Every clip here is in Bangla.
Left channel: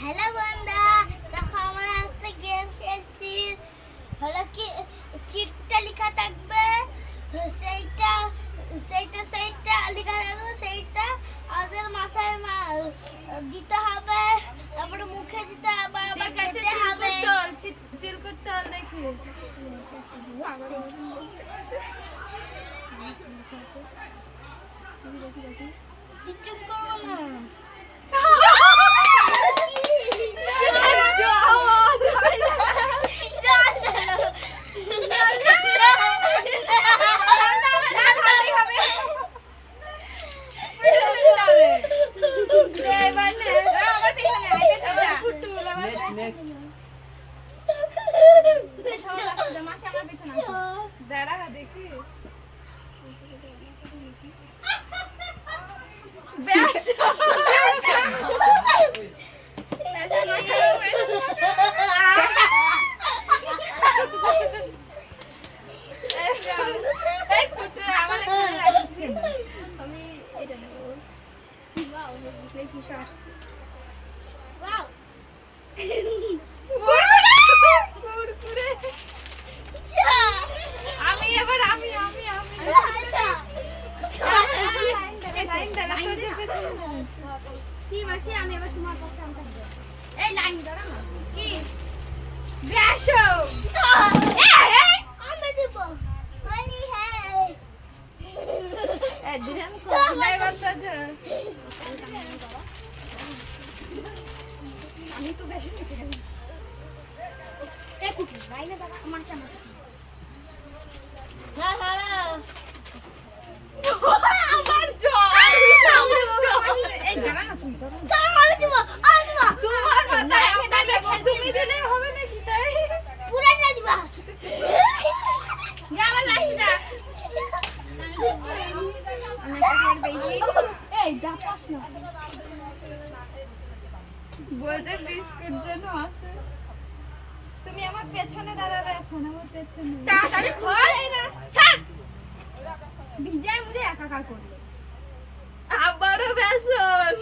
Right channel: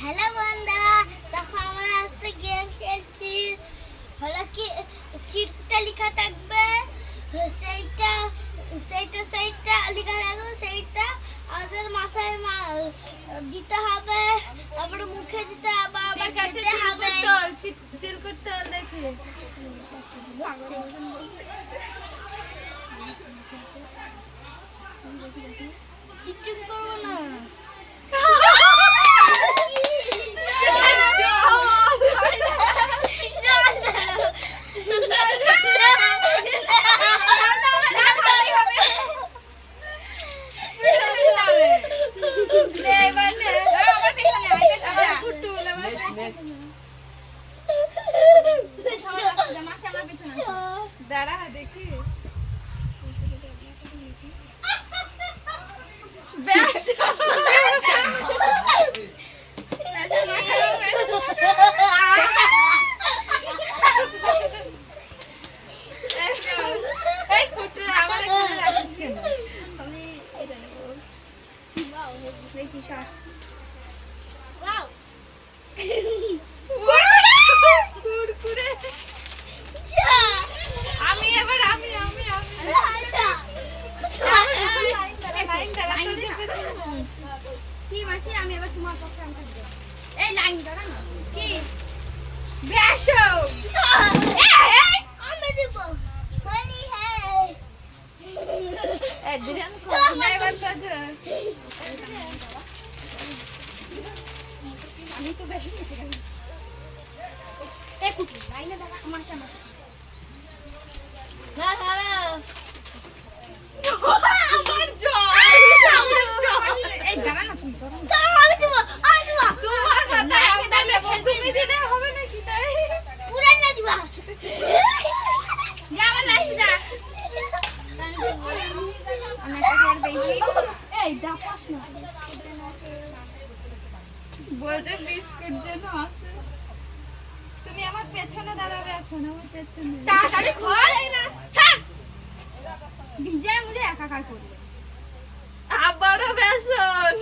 হ্যালো বন্ধুরা, দেখো আমরা একটা গেম খেলছি। হলো কি চিটটা লেখা থাকবে, সেইটা সেইটা সেইটা লেখা থাকবে, সেইটা আমাদের মাথায় দিতে হবে, তারপরে মুখে দিতে হবে, আবার খেতে হবে। চিল করতে হবে দেখি। চিটচিট করবো না। দাঁড়া দেখি। আমি এটা নেবো। ওয়াও, দেখি সব। ওয়াও। কুরকুরে। আমি এবার আমি কি মাসি, আমি এবার তোমার পক্ষে আনতে দেব। এই লাইন দাঁড়া না। কি ব্যাসো, এই আমি দেব। বলি হ্যাঁ এদিন কোন নাই বাতাজো। আমি তো বেশি নিতে পারি। এই কুটি লাইনে দাঁড়া, আমার সামনে। হ্যাঁ হ্যাঁ আমার জল। এই দাঁড়া না, তুমি দাঁড়া না। আমি দেব, আমি দেব। তোমার মাথায় আপনাকে তুমি দিলে হবে নাকি তাই? পুরা না দিবা। যা আমার লাস্ট যা। আমি একটা ফের পেয়েছি। এই যা পাস না। বলছে বিস্কুট যেন আছে। তুমি আমার পেছনে দাঁড়াবে এখন, আমার পেছনে। তাড়াতাড়ি খোল না। ছাড়। ভিজে মুজে একাকার করবে। আবারও বেসন।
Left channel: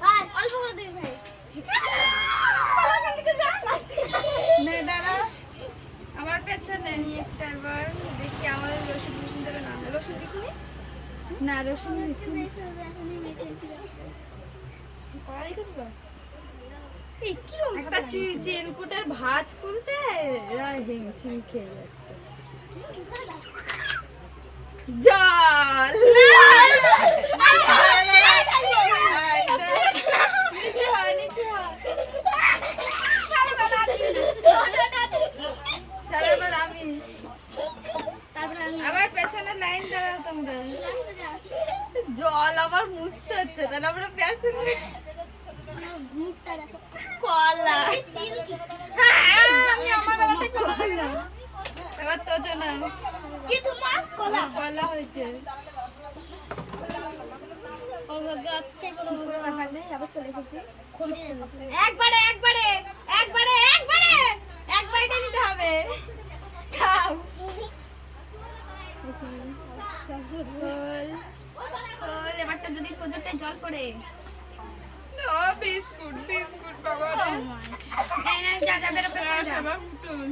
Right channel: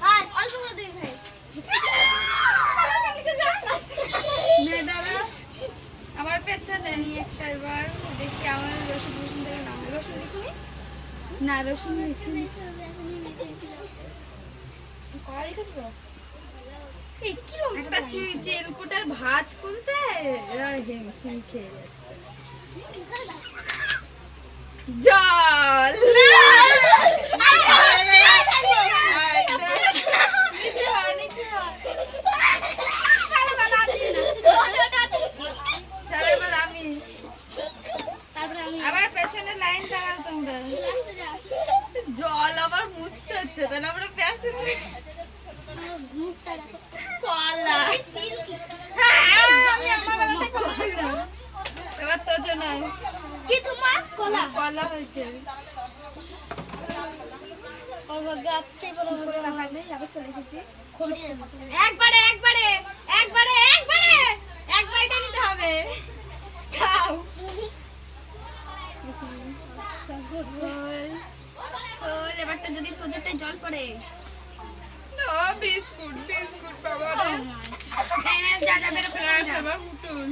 ভাই অল্প করে দিই ভাই। নে দাঁড়া। আমার পেছনে। আমি একটা বার দেখি আমার রসুন ধরে না। রসুন লিখুনি? না রসুন লিখিনি। কড়া লিখেছো? এই কি রকম একটা চিলকুটের ভাঁজ খুলতে এরা হিমশিম খেয়ে যাচ্ছে। জল। আবার পেছনে লাইন দাঁড়াও তোমরা। জল আবার মুছতে হচ্ছে, তাহলে আমরা বেসন কলা। কলা এবার তো জন্য কি তোমার কলা কলা হয়েছে। চলে এসেছি। একবারে একবারে একবারে একবারে একবারটা নিতে হবে। খাও। এবারটা যদি তোদেরটা জল পড়ে। ও বিস্কুট বিস্কুট বাবা রে। যা যা বেরো বেরো যা। আমার মুটুন।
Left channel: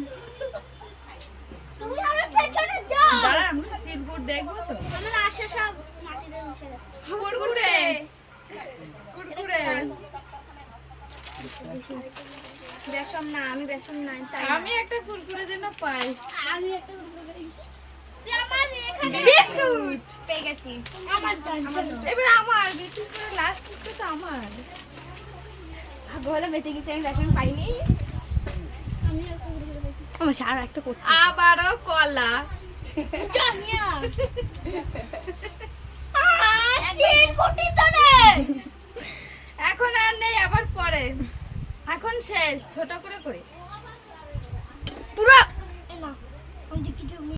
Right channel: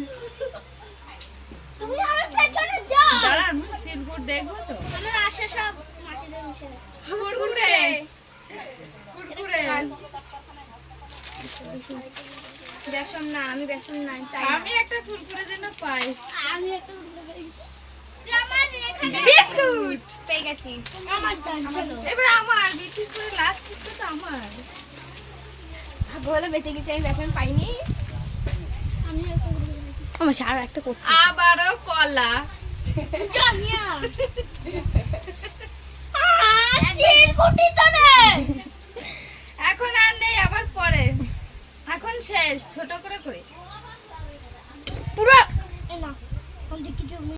তুমি আমার পেছনে যাও। দাঁড়া চিলকুট দেখবো তো। আমার আশা সব মাটিতে মিশে গেছে। কুরকুরে কুরকুরে। বেসন না, আমি বেসন নাই চাই। আমি একটা কুরকুরে যেন পাই। আমি একটা বিস্কুট পেয়ে গেছি। আমার এবার আমার বিস্কুট করে লাস্ট তো আমার। বলে বেঁচে গেছি, আমি বেসন পাইনি। আমি একটা আমার আর একটা করতে আবারও কলা। কানিয়া কোটি তো নেই। এখন আর নেই, আবার পরে। এখন শেষ, ছোট করে করে পুরো না আমি দেখি